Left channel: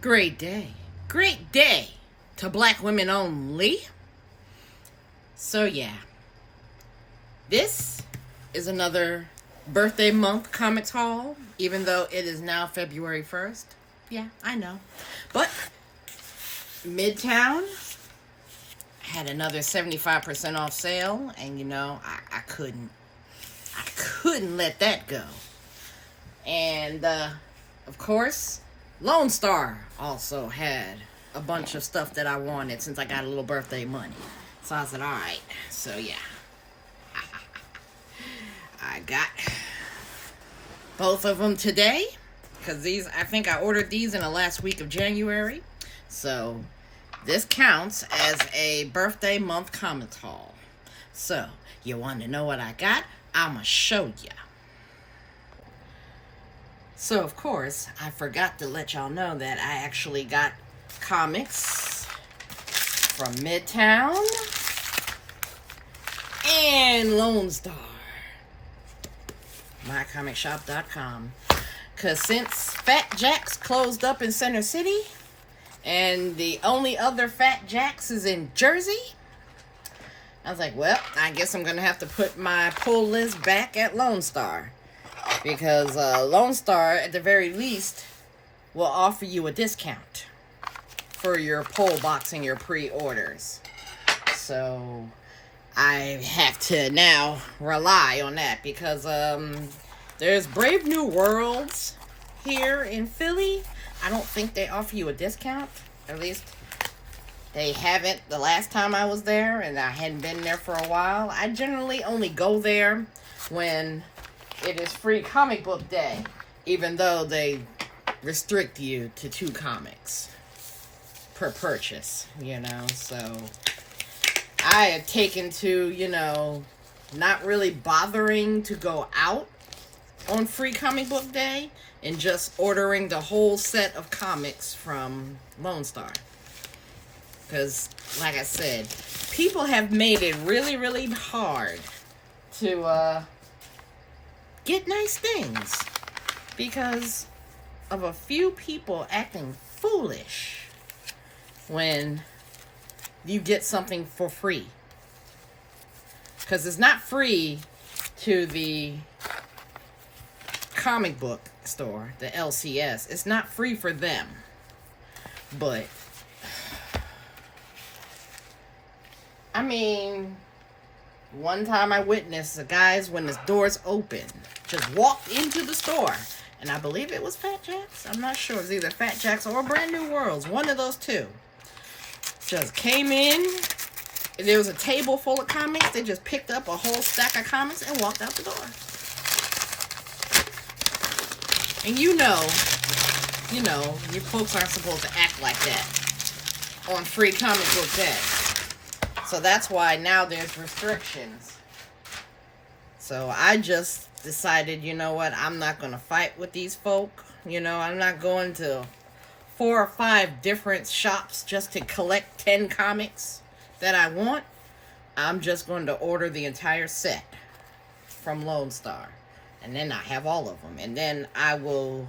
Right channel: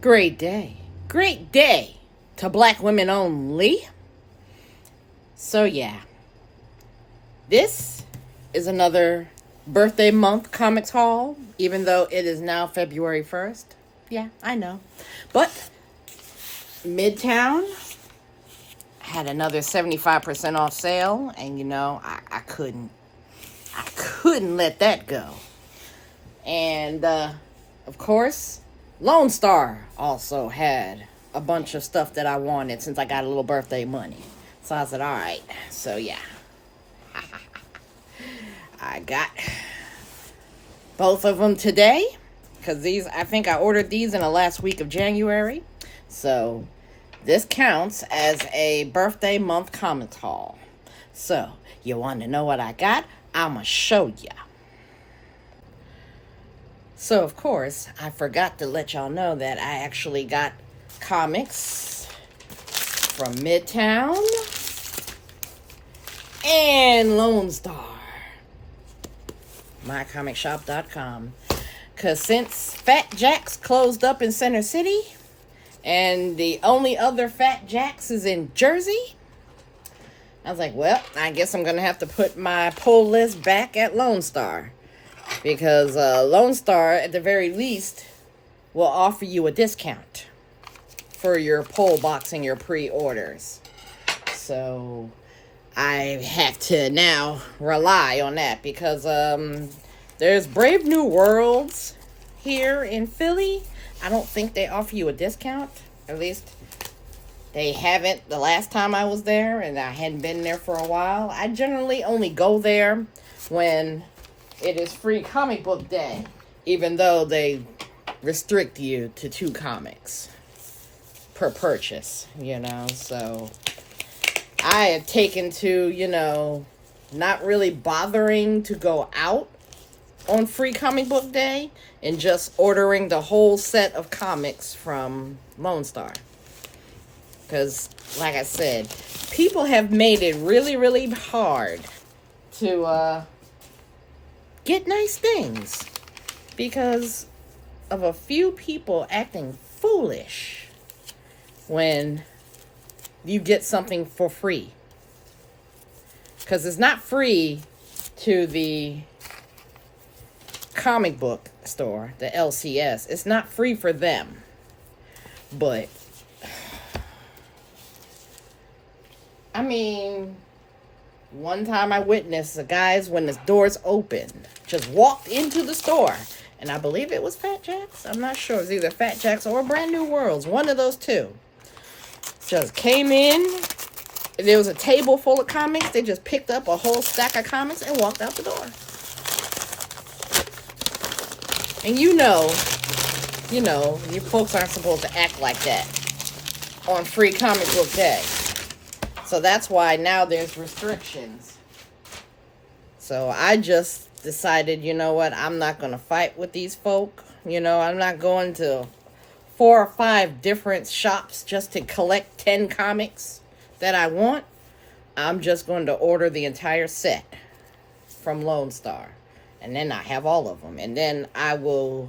Great day. Great day to black women only. So, yeah, this is another birthday month comics haul, even though it is now February 1st. Yeah, I know. But Midtown had another 75% off sale, and I couldn't let that go. And, of course, Lone Star also had a bunch of stuff that I wanted since I got a little birthday money. So I said, all right. So, yeah. I got both of them today because I think I ordered these in the last week of January. So, this counts as a birthday month comics haul. So, you want to know what I got? I'm going to show you. So, of course, I forgot to let y'all know that I actually got comics from Midtown and Lone Star. MyComicShop.com. Because since Fat Jack's closed up in Center City, and the only other Fat Jack's is in Jersey, I was like, well, I guess I'm going to have to put my pull list back at Lone Star. Because Lone Star, at the very least, will offer you a discount for your pull box and your pre-orders. So I have to now rely on that because there's Brave New Worlds here in Philly. I don't think they offer you a discount. At least they haven't the last time I was there, and I hadn't been there for a while. I generally only go there when it is free comic book day, even though they restrict you to 2 comics per purchase, so I have taken to, not really bothering to go out on free comic book day and just ordering the whole set of comics from Lone Star. Because, like I said, people have made it really, really hard to get nice things because of a few people acting foolish when you get something for free. Because it's not free to the comic book store, the LCS. It's not free for them. But, I mean, one time I witnessed the guys, when the doors opened, just walked into the store. And I believe it was Fat Jack's. I'm not sure. It was either Fat Jack's or Brand New Worlds. One of those two. Just came in. There was a table full of comics. They just picked up a whole stack of comics and walked out the door. And you folks aren't supposed to act like that on free comic book day. So that's why now there's restrictions. So I just decided, you know what, I'm not going to fight with these folk. I'm not going to 4 or 5 different shops just to collect 10 comics that I want. I'm just going to order the entire set from Lone Star. And then I have all of them. And then I will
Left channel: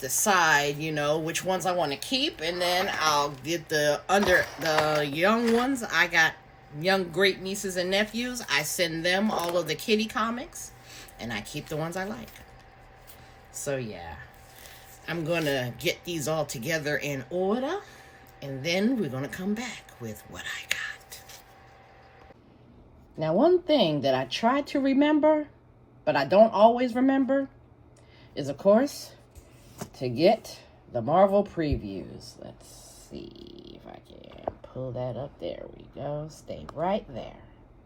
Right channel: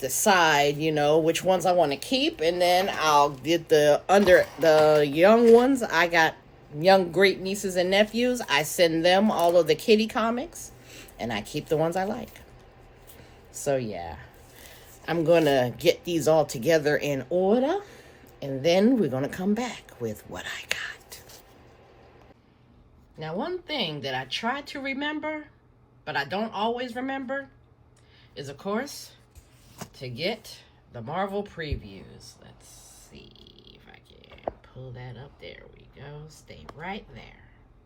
decide, which ones I want to keep. And then I'll get the young ones. I got young great nieces and nephews. I send them all of the kitty comics. And I keep the ones I like. So, yeah. I'm going to get these all together in order. And then we're going to come back with what I got. Now, one thing that I try to remember, but I don't always remember, is, of course, to get the Marvel previews. Let's see if I can pull that up. There we go. Stay right there.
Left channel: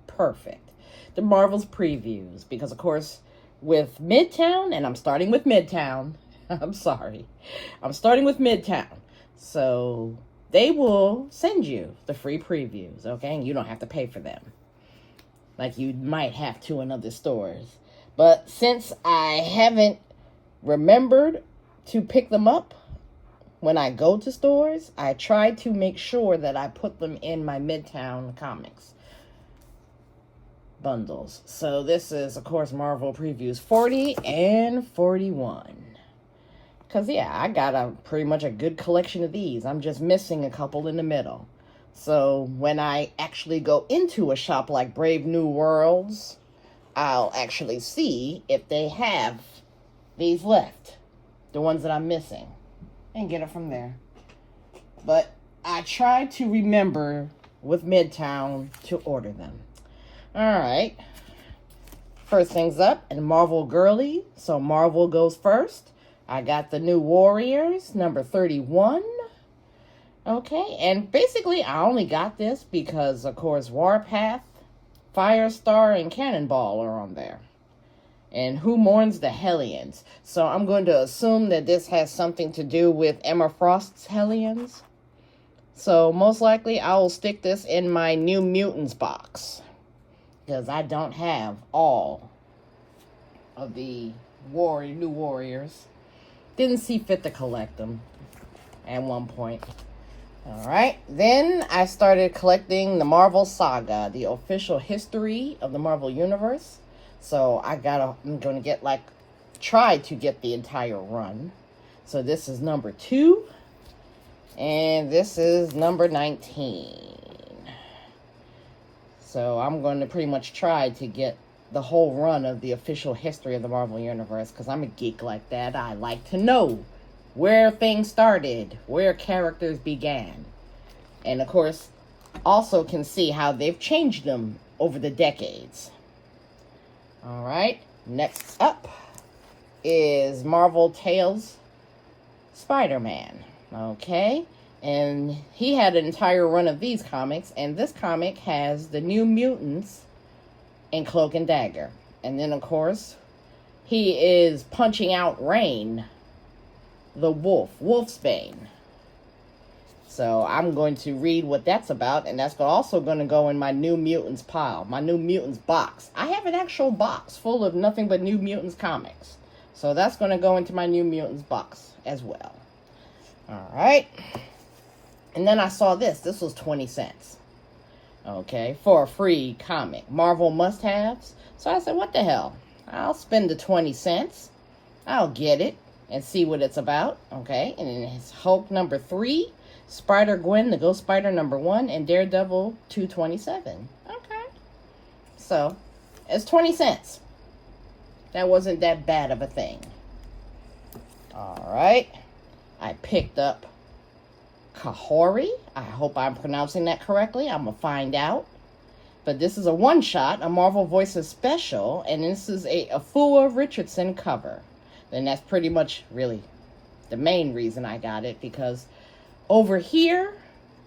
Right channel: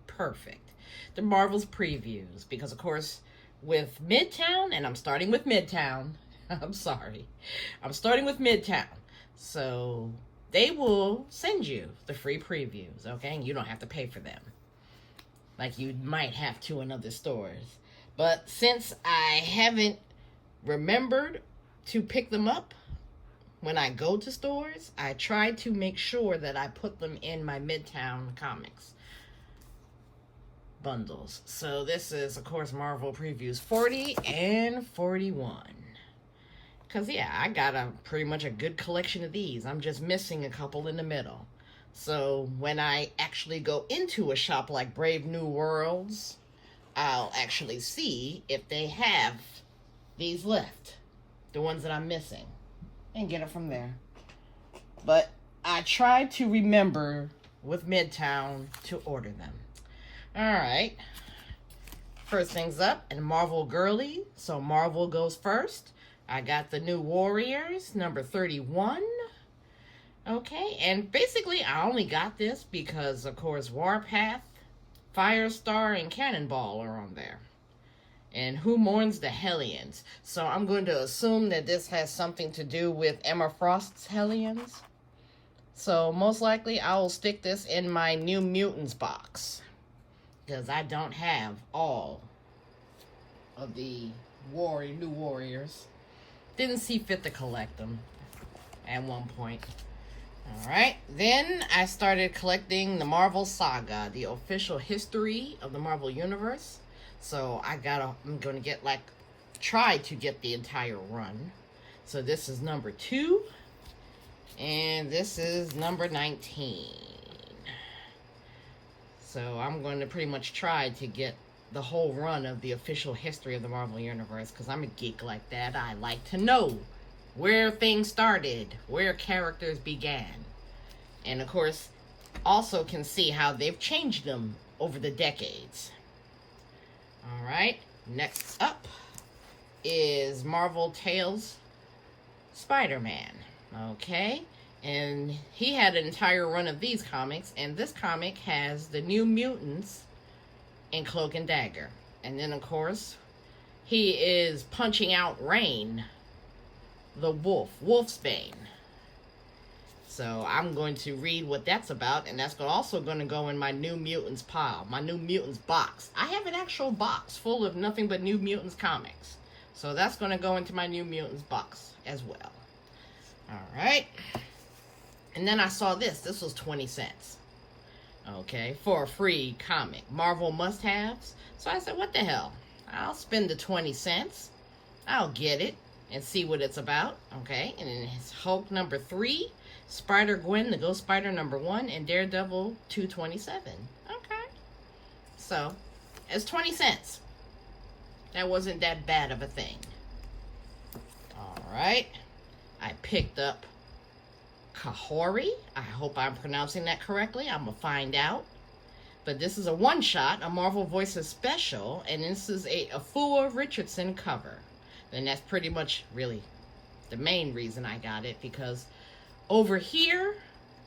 Perfect. The Marvel's previews. Because, of course, with Midtown, and I'm starting with Midtown. I'm sorry. I'm starting with Midtown. So they will send you the free previews, okay? And you don't have to pay for them, like you might have to in other stores. But since I haven't remembered to pick them up when I go to stores, I try to make sure that I put them in my Midtown Comics bundles. So this is, of course, Marvel Previews 40 and 41. Because, yeah, I got pretty much a good collection of these. I'm just missing a couple in the middle. So when I actually go into a shop like Brave New Worlds, I'll actually see if they have these left. The ones that I'm missing. And get it from there. But I try to remember with Midtown to order them. Alright. First things up, and Marvel Girly. So Marvel goes first. I got the new Warriors, number 31. Okay, and basically I only got this because, of course, Warpath, Firestar, and Cannonball are on there. And Who Mourns the Hellions. So I'm going to assume that this has something to do with Emma Frost's Hellions. So most likely I will stick this in my New Mutants box. Because I don't have all of the New Warriors. Didn't see fit to collect them at one point. Alright, then I started collecting the Marvel Saga, the official history of the Marvel Universe. So I'm going to try to get the entire run. So this is number 2. And this is number 19. So I'm going to pretty much try to get the whole run of the official history of the Marvel Universe, because I'm a geek like that. I like to know where things started, where characters began. And of course, also can see how they've changed them over the decades. Alright, next up is Marvel Tales Spider-Man. Okay, and he had an entire run of these comics, and this comic has the New Mutants and Cloak and Dagger. And then, of course, he is punching out Rain, the Wolfsbane. So I'm going to read what that's about, and that's also going to go in my New Mutants pile, my New Mutants box. I have an actual box full of nothing but New Mutants comics. So that's going to go into my New Mutants box as well. Alright. And then I saw this. This was 20 cents. Okay, for a free comic. Marvel must-haves. So I said, what the hell? I'll spend the 20 cents. I'll get it and see what it's about. Okay, and then it's Hulk number 3, Spider-Gwen, the Ghost Spider number 1, and Daredevil 227. Okay. So, it's 20 cents. That wasn't that bad of a thing. Alright. I picked up Kahori. I hope I'm pronouncing that correctly. I'm going to find out. But this is a one-shot, a Marvel Voices special, and this is a Afua Richardson cover. And that's pretty much really the main reason I got it, because over here,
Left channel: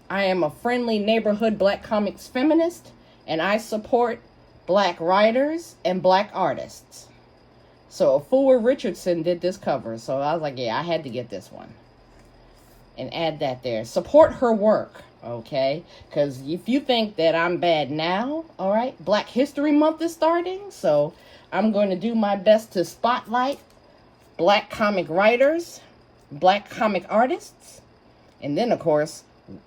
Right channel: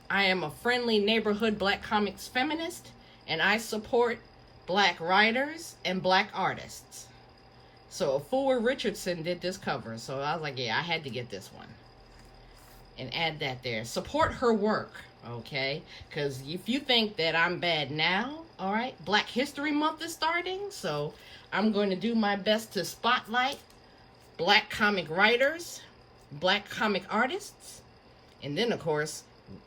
I am a friendly neighborhood black comics feminist, and I support black writers and black artists. So Afua Richardson did this cover, so I was like, yeah, I had to get this one. And add that there. Support her work, okay? Because if you think that I'm bad now, all right, Black History Month is starting, so I'm going to do my best to spotlight black comic writers, black comic artists, and then, of course,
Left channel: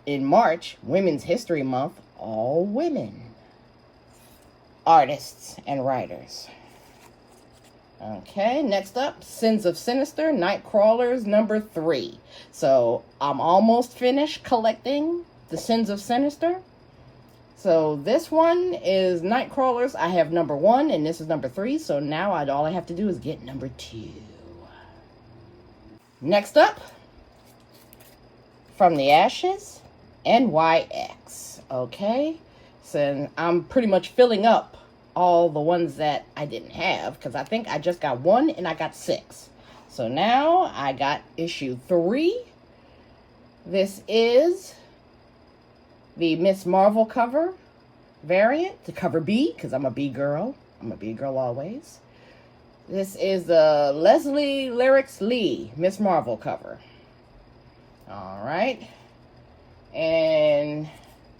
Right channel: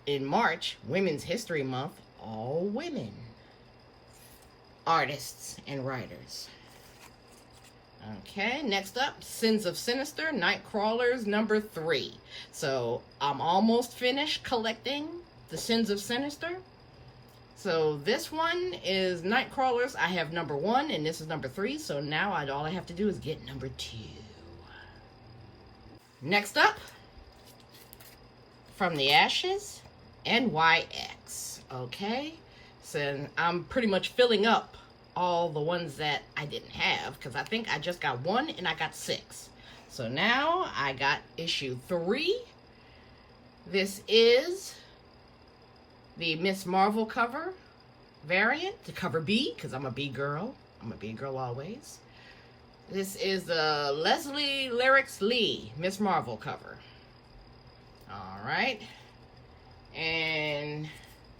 in March, Women's History Month, all women artists and writers. Okay, next up, Sins of Sinister, Nightcrawlers number 3. So, I'm almost finished collecting the Sins of Sinister. So, this one is Nightcrawlers. I have number 1, and this is number 3. So, now all I have to do is get number 2. Next up, From the Ashes, NYX. Okay, so I'm pretty much filling up all the ones that I didn't have, because I think I just got 1 and I got 6. So now I got issue 3. This is the Miss Marvel cover variant, the cover B, because I'm a B girl. I'm a B girl always. This is the Leslie Lyrics Lee Miss Marvel cover. Alright. And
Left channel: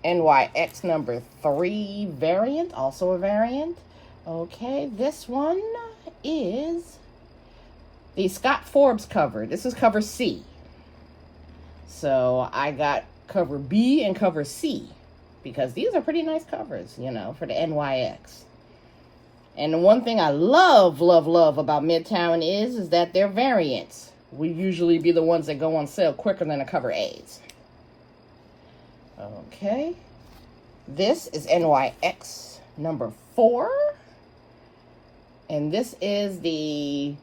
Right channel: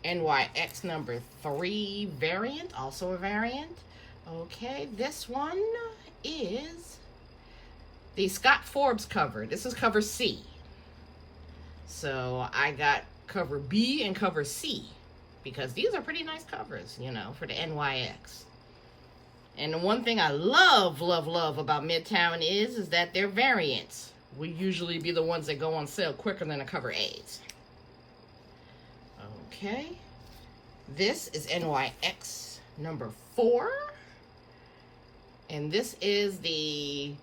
NYX number 3 variant, also a variant. Okay, this one is the Scott Forbes cover. This is cover C. So I got cover B and cover C, because these are pretty nice covers, you know, for the NYX. And the one thing I love about Midtown is that their variants we usually be the ones that go on sale quicker than the cover A's. Okay. This is NYX number 4. And this is the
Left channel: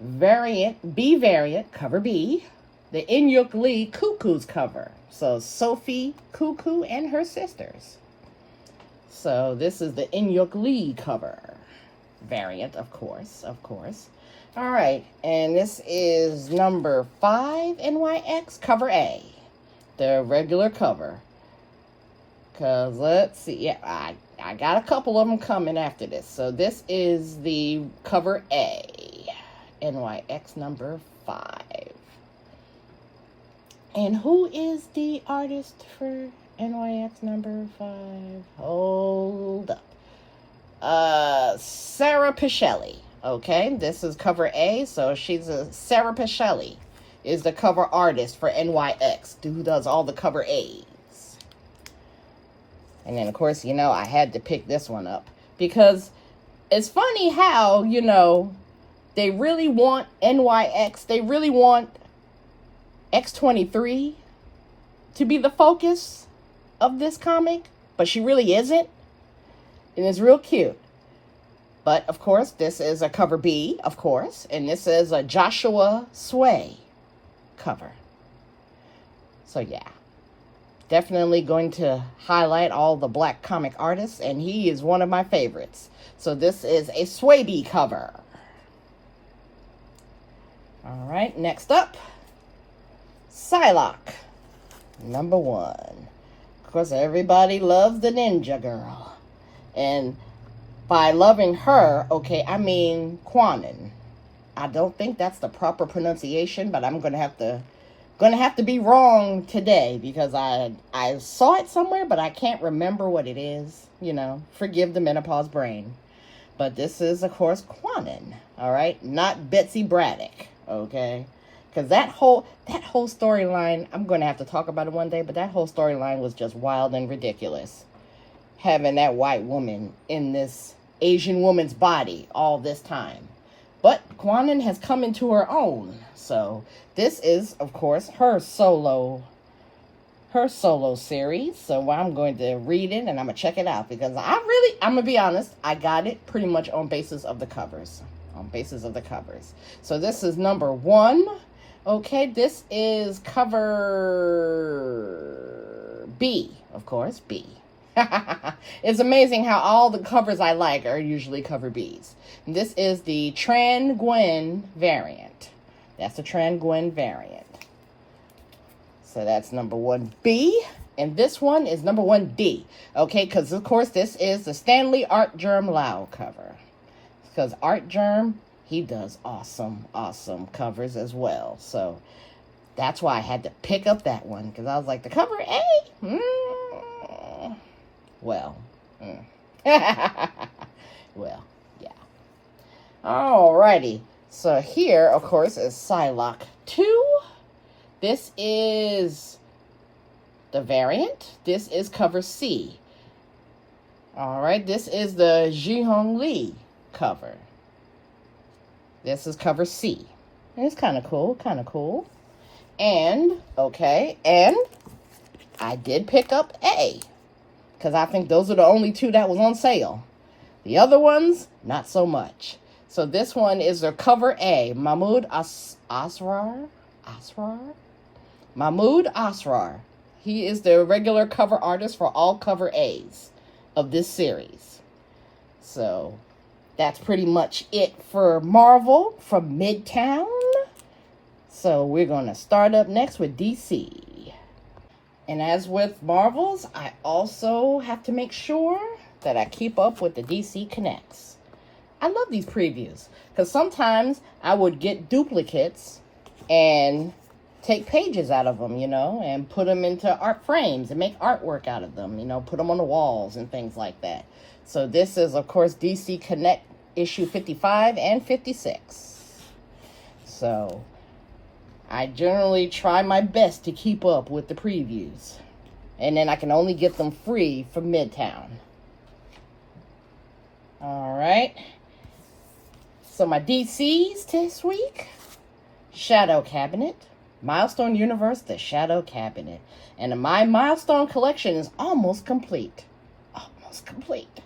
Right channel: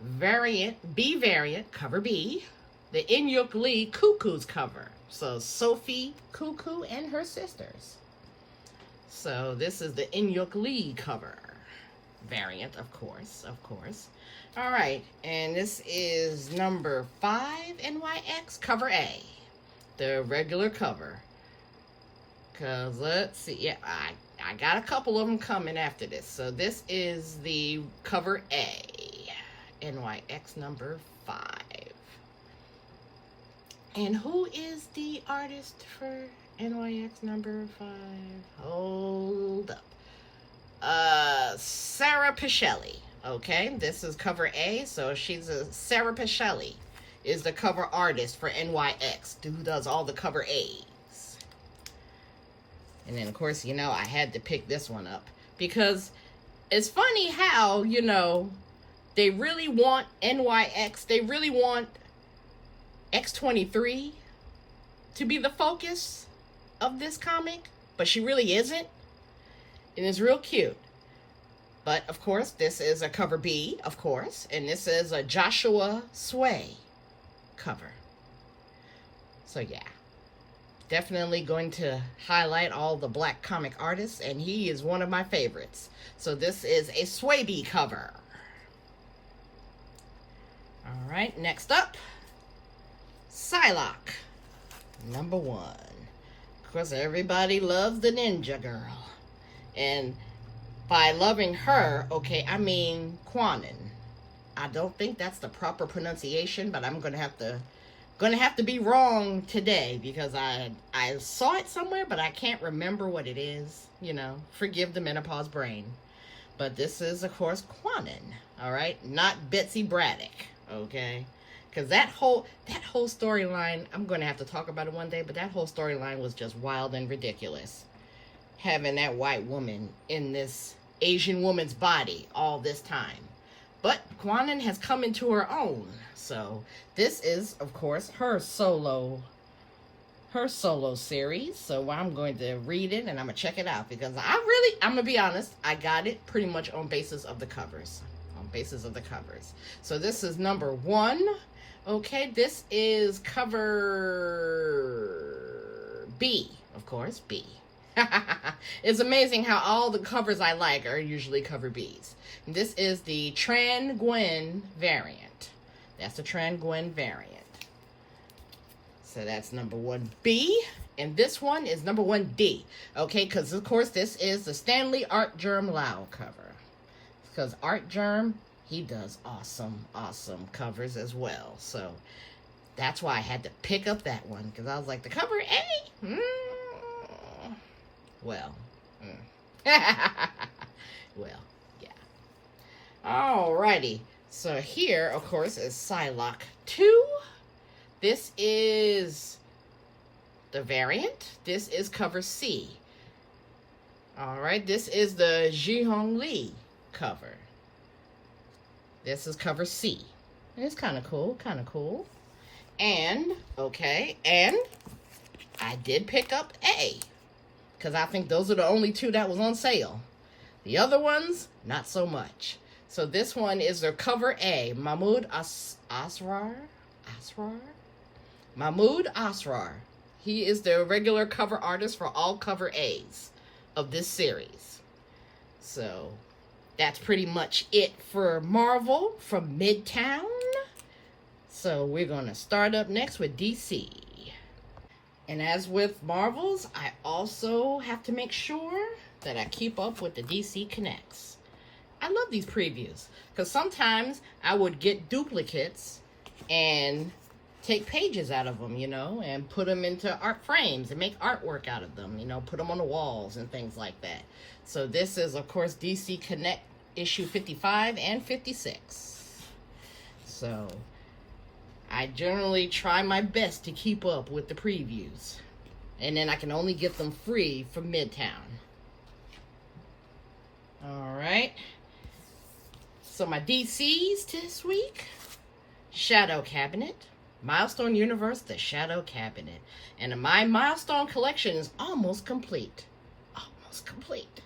variant, B variant, cover B. The Inyuk Lee Cuckoo's cover. So Sophie Cuckoo and her sisters. So this is the Inyuk Lee cover variant, of course. All right, and this is number 5 NYX cover A, the regular cover. Cause let's see, yeah, I got a couple of them coming after this. So this is the cover A, NYX number 5. And who is the artist for NYX number 5? Hold up. Sarah Pichelli. Okay, this is cover A, so she's Sarah Pichelli is the cover artist for NYX, who does all the cover A's. And then, of course, you know, I had to pick this one up because it's funny how, you know, they really want NYX, they really want X23 to be the focus of this comic, but she really isn't. And it's real cute. But, of course, this is a cover B, of course, and this is a Joshua Sway cover. So, yeah. Definitely going to highlight all the black comic artists, and he is one of my favorites. So this is a Swaby cover. All right, next up, Psylocke, number 1. Of course, everybody loves the Ninja Girl. And by loving her, okay, I mean Quanon. I don't think that's the proper pronunciation, but I'm gonna have to be wrong today because I saw it somewhere, but I can't remember what it is. You know, forgive the menopause brain. But this is, of course, Quanon. All right, not Betsy Braddock. Okay, because that whole storyline, I'm gonna have to talk about it one day. But that whole storyline was just wild and ridiculous. Having that white woman in this Asian woman's body all this time. But Quanon has come into her own. So this is, of course, her solo series. So I'm going to read it and I'm going to check it out. Because I'm going to be honest, I got it pretty much on basis of the covers. So this is number 1. Okay, this is cover B, of course, B. It's amazing how all the covers I like are usually cover B's. And this is the Tran Nguyen variant. That's the Tran Nguyen variant. So that's number 1B. And this one is number 1D. Okay, because of course this is the Stanley Art Germ Lau cover. Because Art Germ, he does awesome covers as well. So that's why I had to pick up that one. Because I was like, the cover A? Well, well, yeah. Alrighty. So here, of course, is Psylocke 2. This is the variant. This is cover C. Alright, this is the Ji-Hong Lee cover. This is cover C. It's kind of cool, And, okay, and I did pick up A. Because I think those are the only 2 that was on sale. The other ones, not so much. So this one is their cover A, Mahmoud Asrar. Mahmoud Asrar. He is the regular cover artist for all cover A's of this series. So that's pretty much it for Marvel from Midtown. So we're going to start up next with DC. And as with Marvels, I also have to make sure that I keep up with the DC Connects. I love these previews because sometimes I would get duplicates and take pages out of them, you know, and put them into art frames and make artwork out of them, you know, put them on the walls and things like that. So this is, of course, DC Connect issue 55 and 56. So I generally try my best to keep up with the previews. And then I can only get them free from Midtown. Alright. So my DCs this week. Shadow Cabinet. Milestone Universe, The Shadow Cabinet. And my Milestone collection is almost complete. Almost complete.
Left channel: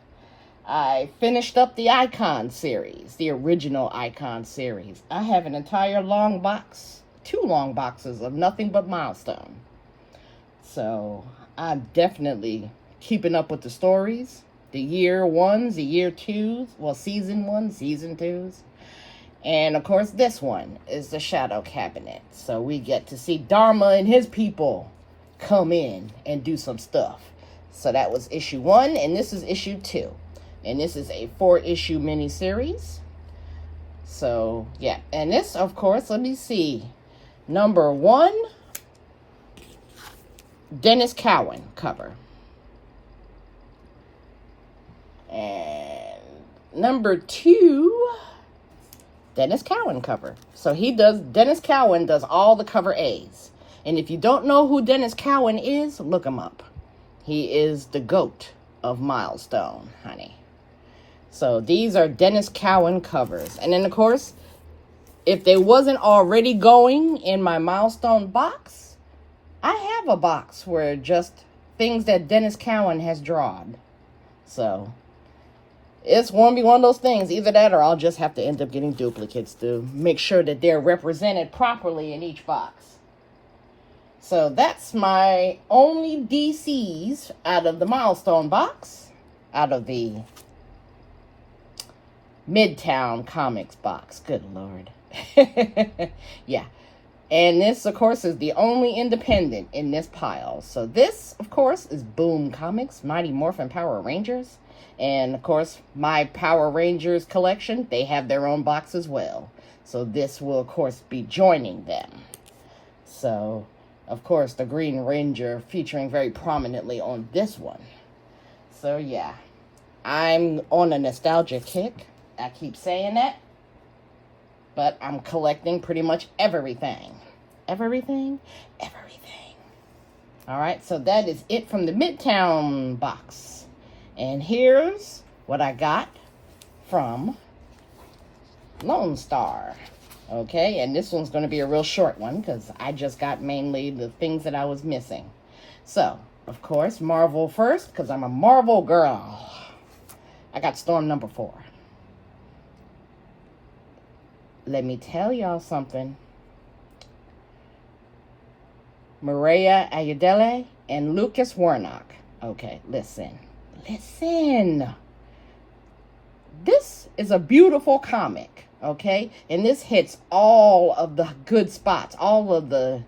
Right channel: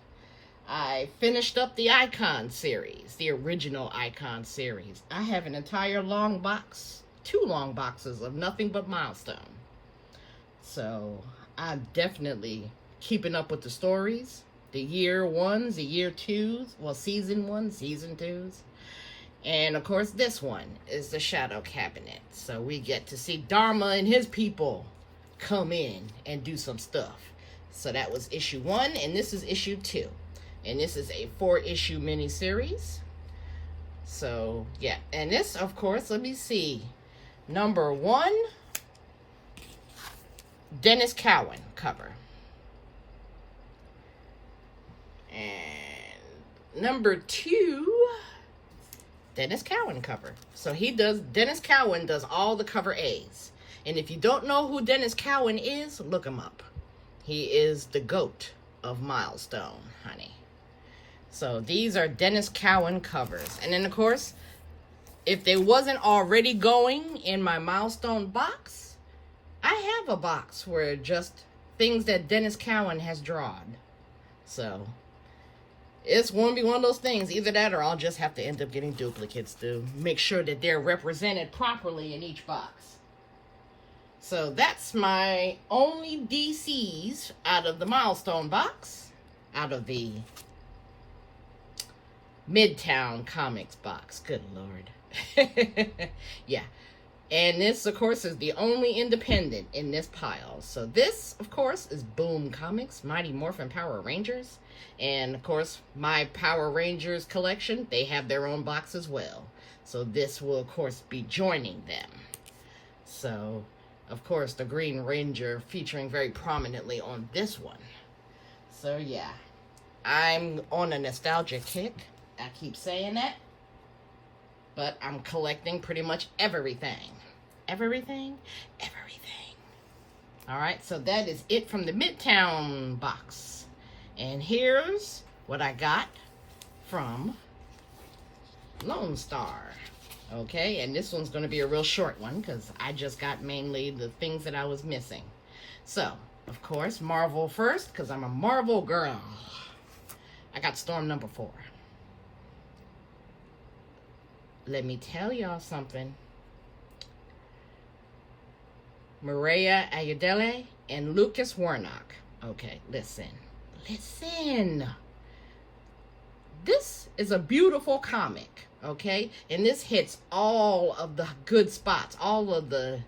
I finished up the Icon series, the original Icon series. I have an entire long box, 2 long boxes of nothing but Milestone. So I'm definitely keeping up with the stories, the year 1s, the year 2s, well, season 1, season 2s. And of course, this one is the Shadow Cabinet. So we get to see Dharma and his people come in and do some stuff. So that was issue 1, and this is issue 2. And this is a 4-issue miniseries. So, yeah. And this, of course, let me see. Number 1, Dennis Cowan cover. And number 2, Dennis Cowan cover. So Dennis Cowan does all the cover A's. And if you don't know who Dennis Cowan is, look him up. He is the GOAT of Milestone, honey. So these are Dennis Cowan covers. And then, of course, if they wasn't already going in my Milestone box, I have a box where just things that Dennis Cowan has drawn. So it's going to be one of those things. Either that or I'll just have to end up getting duplicates to make sure that they're represented properly in each box. So that's my only DCs out of the Milestone box, out of the Midtown Comics box. Good Lord. Yeah. And this, of course, is the only independent in this pile. So this, of course, is Boom Comics, Mighty Morphin Power Rangers. And, of course, my Power Rangers collection, they have their own box as well. So this will, of course, be joining them. So, of course, the Green Ranger featuring very prominently on this one. So, yeah. I'm on a nostalgia kick. I keep saying that. But I'm collecting pretty much everything. Everything? Everything. Alright, so that is it from the Midtown box. And here's what I got from Lone Star. Okay, and this one's going to be a real short one because I just got mainly the things that I was missing. So, of course, Marvel first because I'm a Marvel girl. I got Storm number 4. Let me tell y'all something. Maria Ayudele and Lucas Warnock. Okay, listen. Listen. This is a beautiful comic, okay? And this hits all of the good spots, all of the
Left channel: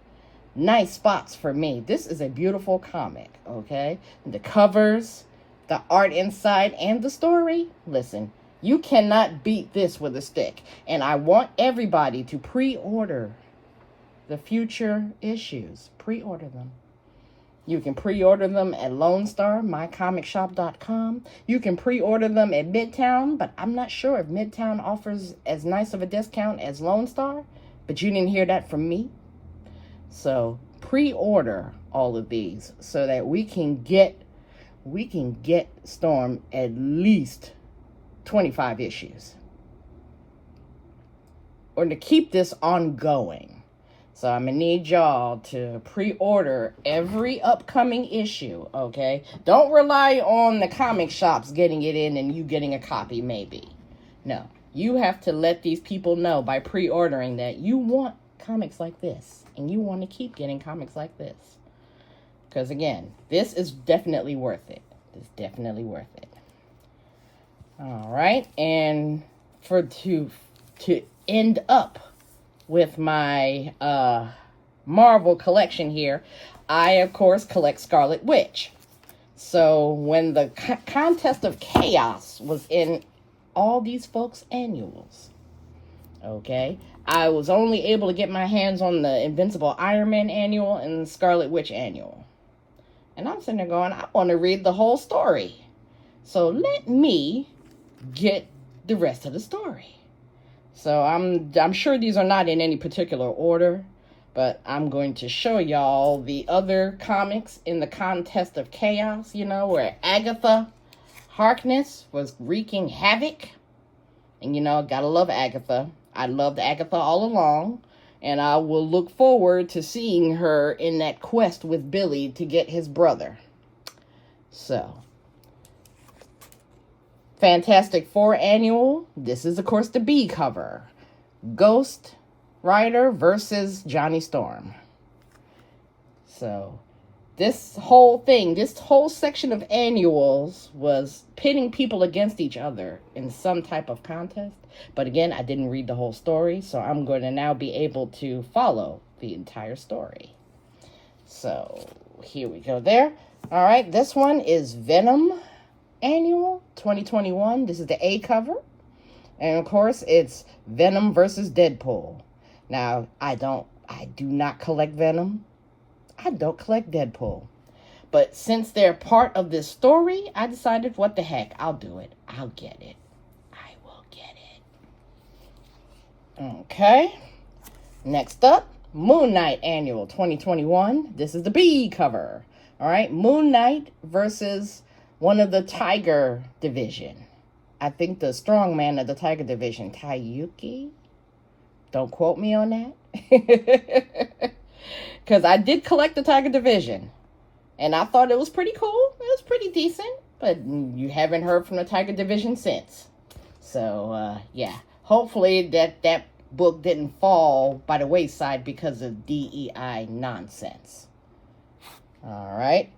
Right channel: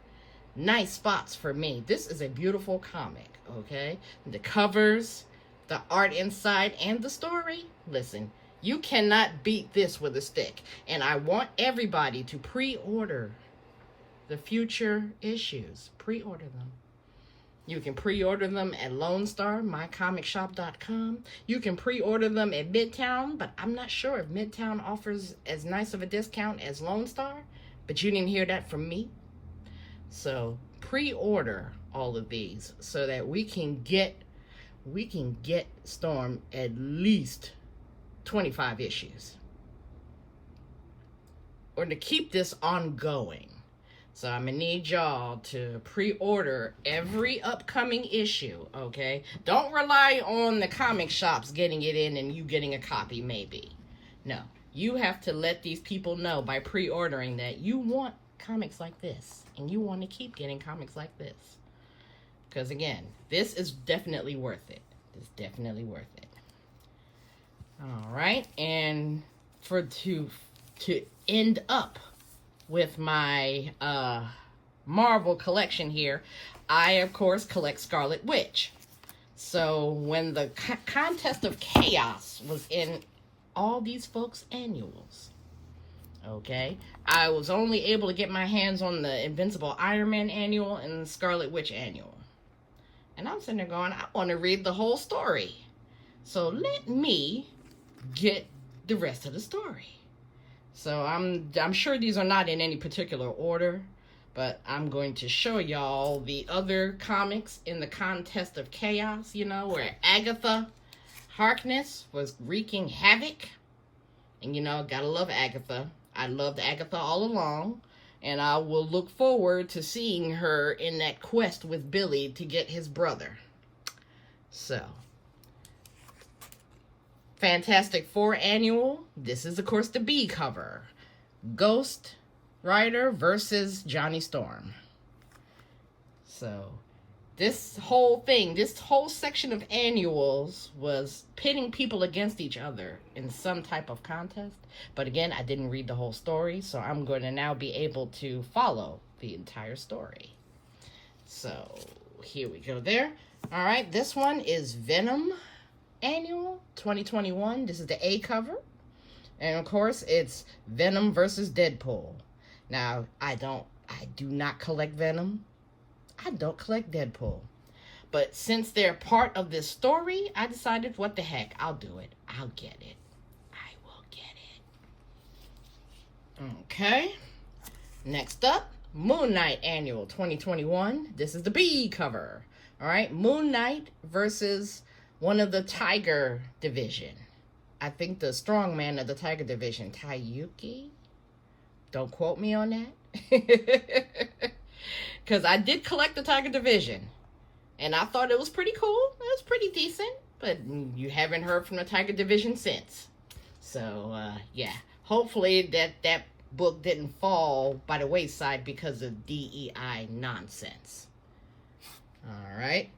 nice spots for me. This is a beautiful comic, okay? The covers, the art inside, and the story. Listen. You cannot beat this with a stick. And I want everybody to pre-order the future issues. Pre-order them. You can pre-order them at Lone Star, mycomicshop.com. You can pre-order them at Midtown, but I'm not sure if Midtown offers as nice of a discount as Lone Star. But you didn't hear that from me. So pre-order all of these so that we can get Storm at least 25 issues, or to keep this ongoing. So I'm gonna need y'all to pre-order every upcoming issue, okay? Don't rely on the comic shops getting it in and you getting a copy maybe. No, you have to let these people know by pre-ordering that you want comics like this and you want to keep getting comics like this. Because again, this is definitely worth it. It's definitely worth it. All right, and to end up with my Marvel collection here, I of course collect Scarlet Witch. So when the Contest of Chaos was in all these folks' annuals, okay, I was only able to get my hands on the Invincible Iron Man annual and the Scarlet Witch annual. And I'm sitting there going, I want to read the whole story. So let me get the rest of the story. So I'm sure these are not in any particular order, but I'm going to show y'all the other comics in the Contest of Chaos, you know, where Agatha Harkness was wreaking havoc. And you know, gotta love Agatha. I loved Agatha all along, And I will look forward to seeing her in that quest with Billy to get his brother. So, Fantastic Four Annual. This is, of course, the B cover. Ghost Rider versus Johnny Storm. So, this whole section of annuals was pitting people against each other in some type of contest. But again, I didn't read the whole story, so I'm going to now be able to follow the entire story. So, here we go there. All right, this one is Venom Annual 2021. This is the A cover. And of course, it's Venom versus Deadpool. Now, I do not collect Venom. I don't collect Deadpool. But since they're part of this story, I decided, what the heck, I'll do it. I'll get it. I will get it. Okay. Next up, Moon Knight Annual 2021. This is the B cover. All right, Moon Knight versus one of the Tiger Division. I think the strong man of the Tiger Division, Taiyuki. Don't quote me on that. Because I did collect the Tiger Division. And I thought it was pretty cool. It was pretty decent. But you haven't heard from the Tiger Division since. So, yeah. Hopefully that book didn't fall by the wayside because of DEI nonsense. Alright.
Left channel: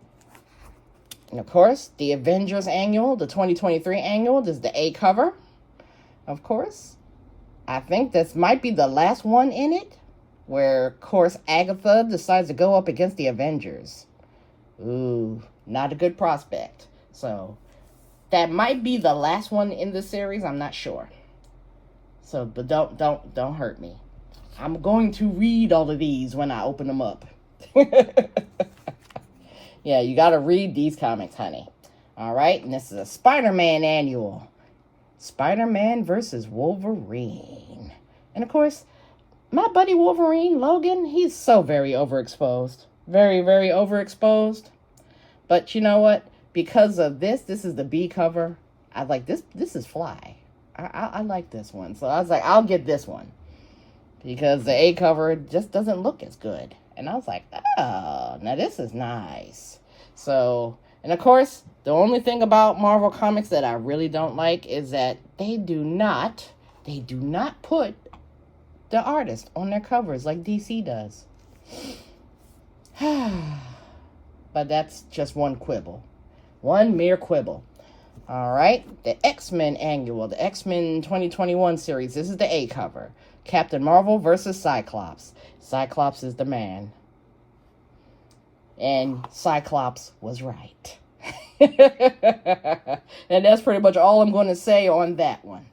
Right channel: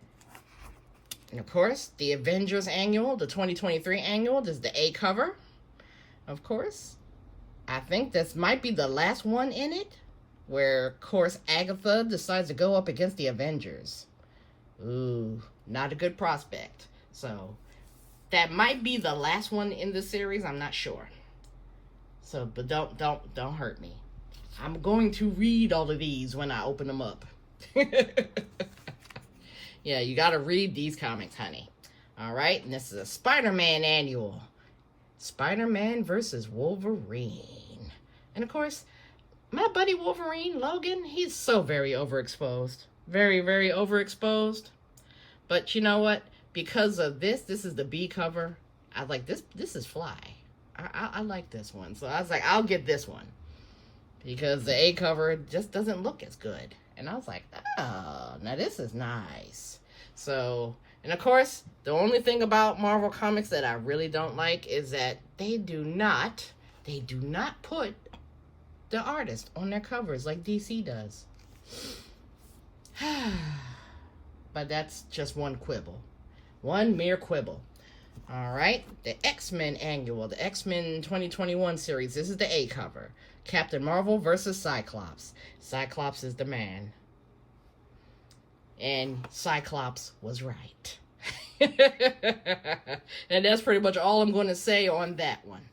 And of course, the Avengers Annual, the 2023 Annual. This is the A cover. Of course. I think this might be the last one in it. Where, of course, Agatha decides to go up against the Avengers. Ooh, not a good prospect. So, that might be the last one in the series. I'm not sure. So, but don't hurt me. I'm going to read all of these when I open them up. Yeah, you got to read these comics, honey. All right, and this is a Spider-Man Annual. Spider-Man versus Wolverine. And, of course, my buddy Wolverine, Logan, he's so very overexposed. Very, very overexposed. But you know what? Because of this is the B cover. I like this. This is fly. I like this one. So I was like, I'll get this one. Because the A cover just doesn't look as good. And I was like, oh, now this is nice. So, and of course, the only thing about Marvel Comics that I really don't like is that they do not put the artist on their covers like DC does. But that's just one quibble. One mere quibble. All right. The X-Men Annual. The X-Men 2021 series. This is the A cover. Captain Marvel versus Cyclops. Cyclops is the man. And Cyclops was right. And that's pretty much all I'm going to say on that one.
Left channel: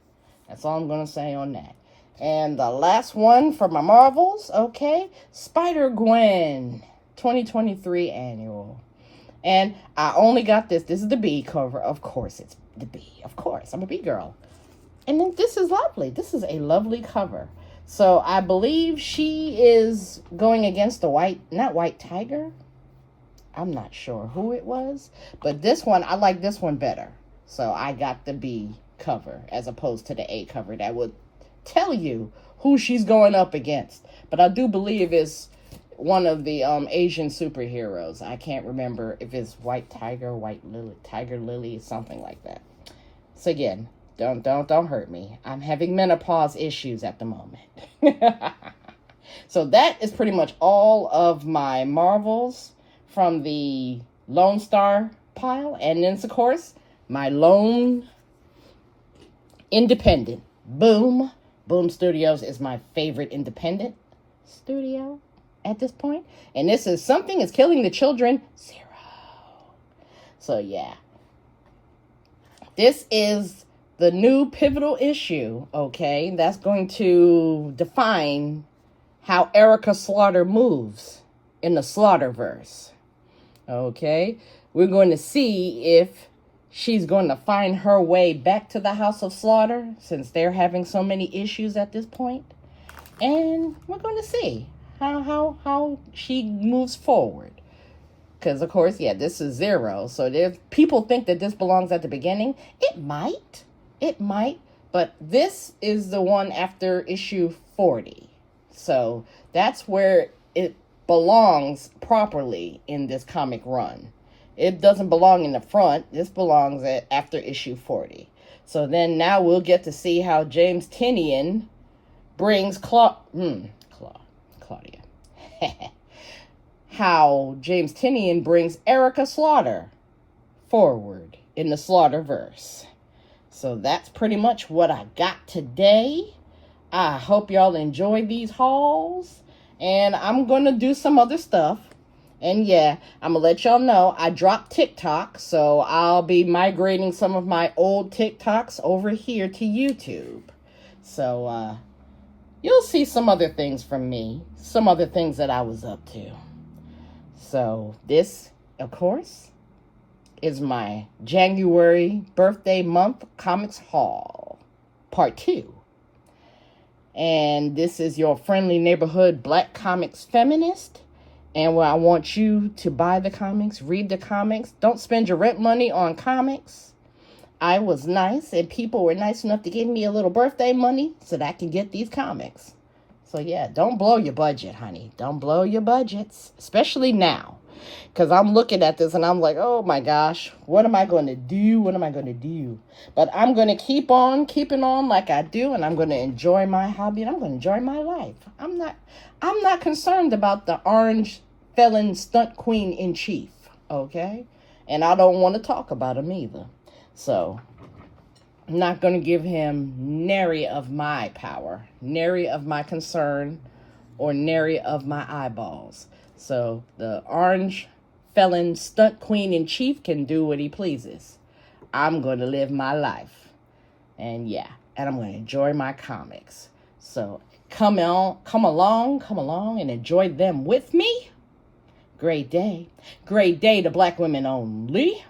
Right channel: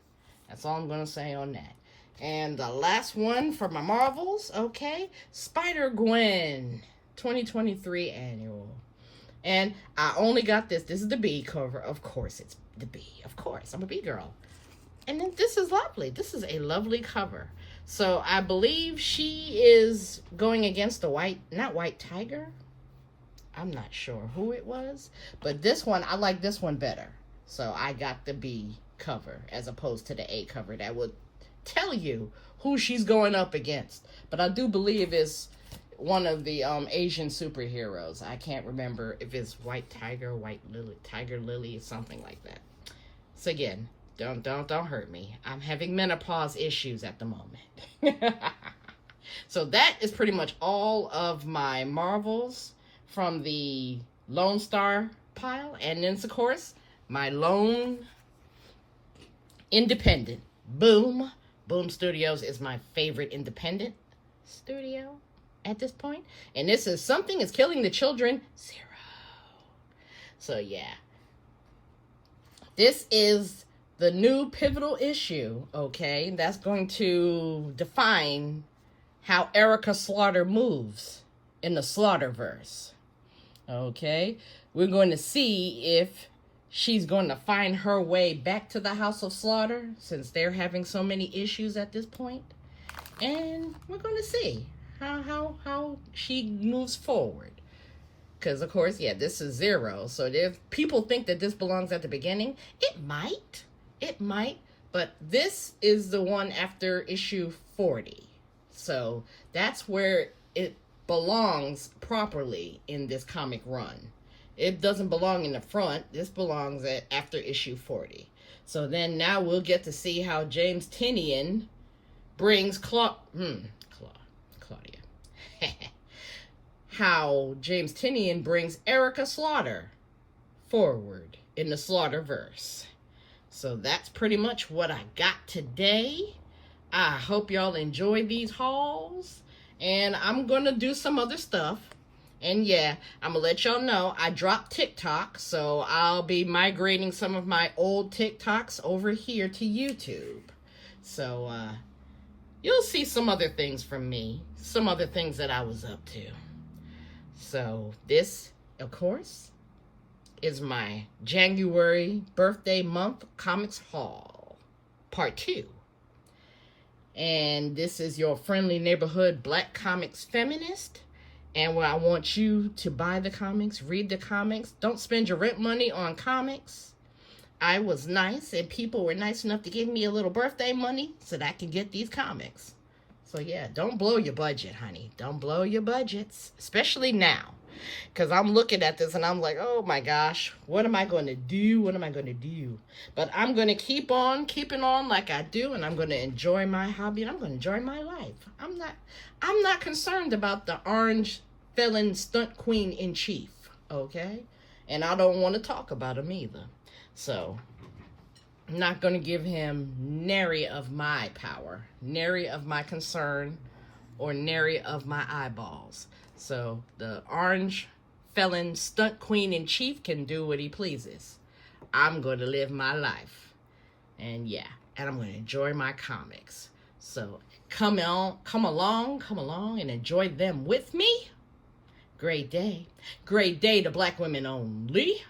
That's all I'm going to say on that. And the last one for my Marvels, okay, Spider-Gwen 2023 Annual. And I only got this. This is the B cover. Of course, it's the B. Of course, I'm a B girl. And then this is lovely. This is a lovely cover. So I believe she is going against the not White Tiger. I'm not sure who it was. But this one, I like this one better. So I got the B cover as opposed to the A cover. That would tell you who she's going up against. But I do believe it's one of the Asian superheroes. I can't remember if it's White Tiger, White Lily, Tiger Lily, something like that. So again, don't hurt me. I'm having menopause issues at the moment. So that is pretty much all of my Marvels from the Lone Star pile. And then, of course, my lone independent. Boom. Boom Studios is my favorite independent studio at this point. And this is Something is Killing the Children 0. So, yeah. This is the new pivotal issue, okay? That's going to define how Erica Slaughter moves in the Slaughterverse. Okay? We're going to see if she's going to find her way back to the House of Slaughter, since they're having so many issues at this point. And we're going to see how she moves forward. Because, of course, yeah, this is 0. So if people think that this belongs at the beginning, it might. It might. But this is the one after issue 40. So That's where it belongs properly in this comic run. It doesn't belong in the front. This belongs after issue 40. So then now we'll get to see how James Tynion brings Claudia. How James Tynion brings Erica Slaughter forward in the Slaughterverse. So that's pretty much what I got today. I hope y'all enjoyed these hauls. And I'm going to do some other stuff. And yeah, I'm going to let y'all know I dropped TikTok. So I'll be migrating some of my old TikToks over here to YouTube. So you'll see some other things from me. Some other things that I was up to. So this, of course, is my January birthday month comics haul, part 2. And this is your friendly neighborhood black comics feminist. And where I want you to buy the comics, read the comics. Don't spend your rent money on comics. I was nice and people were nice enough to give me a little birthday money so that I can get these comics. So yeah, don't blow your budget, honey. Don't blow your budgets, especially now. Because I'm looking at this and I'm like, oh my gosh, what am I going to do? What am I going to do? But I'm going to keep on keeping on like I do, and I'm going to enjoy my hobby, and I'm going to enjoy my life. I'm not concerned about the orange felon stunt queen in chief, okay? And I don't want to talk about him either. So I'm not going to give him nary of my power, nary of my concern, or nary of my eyeballs. So the orange felon stunt queen in chief can do what he pleases. I'm going to live my life. And yeah, and I'm going to enjoy my comics. So come along and enjoy them with me. Great day to black women only.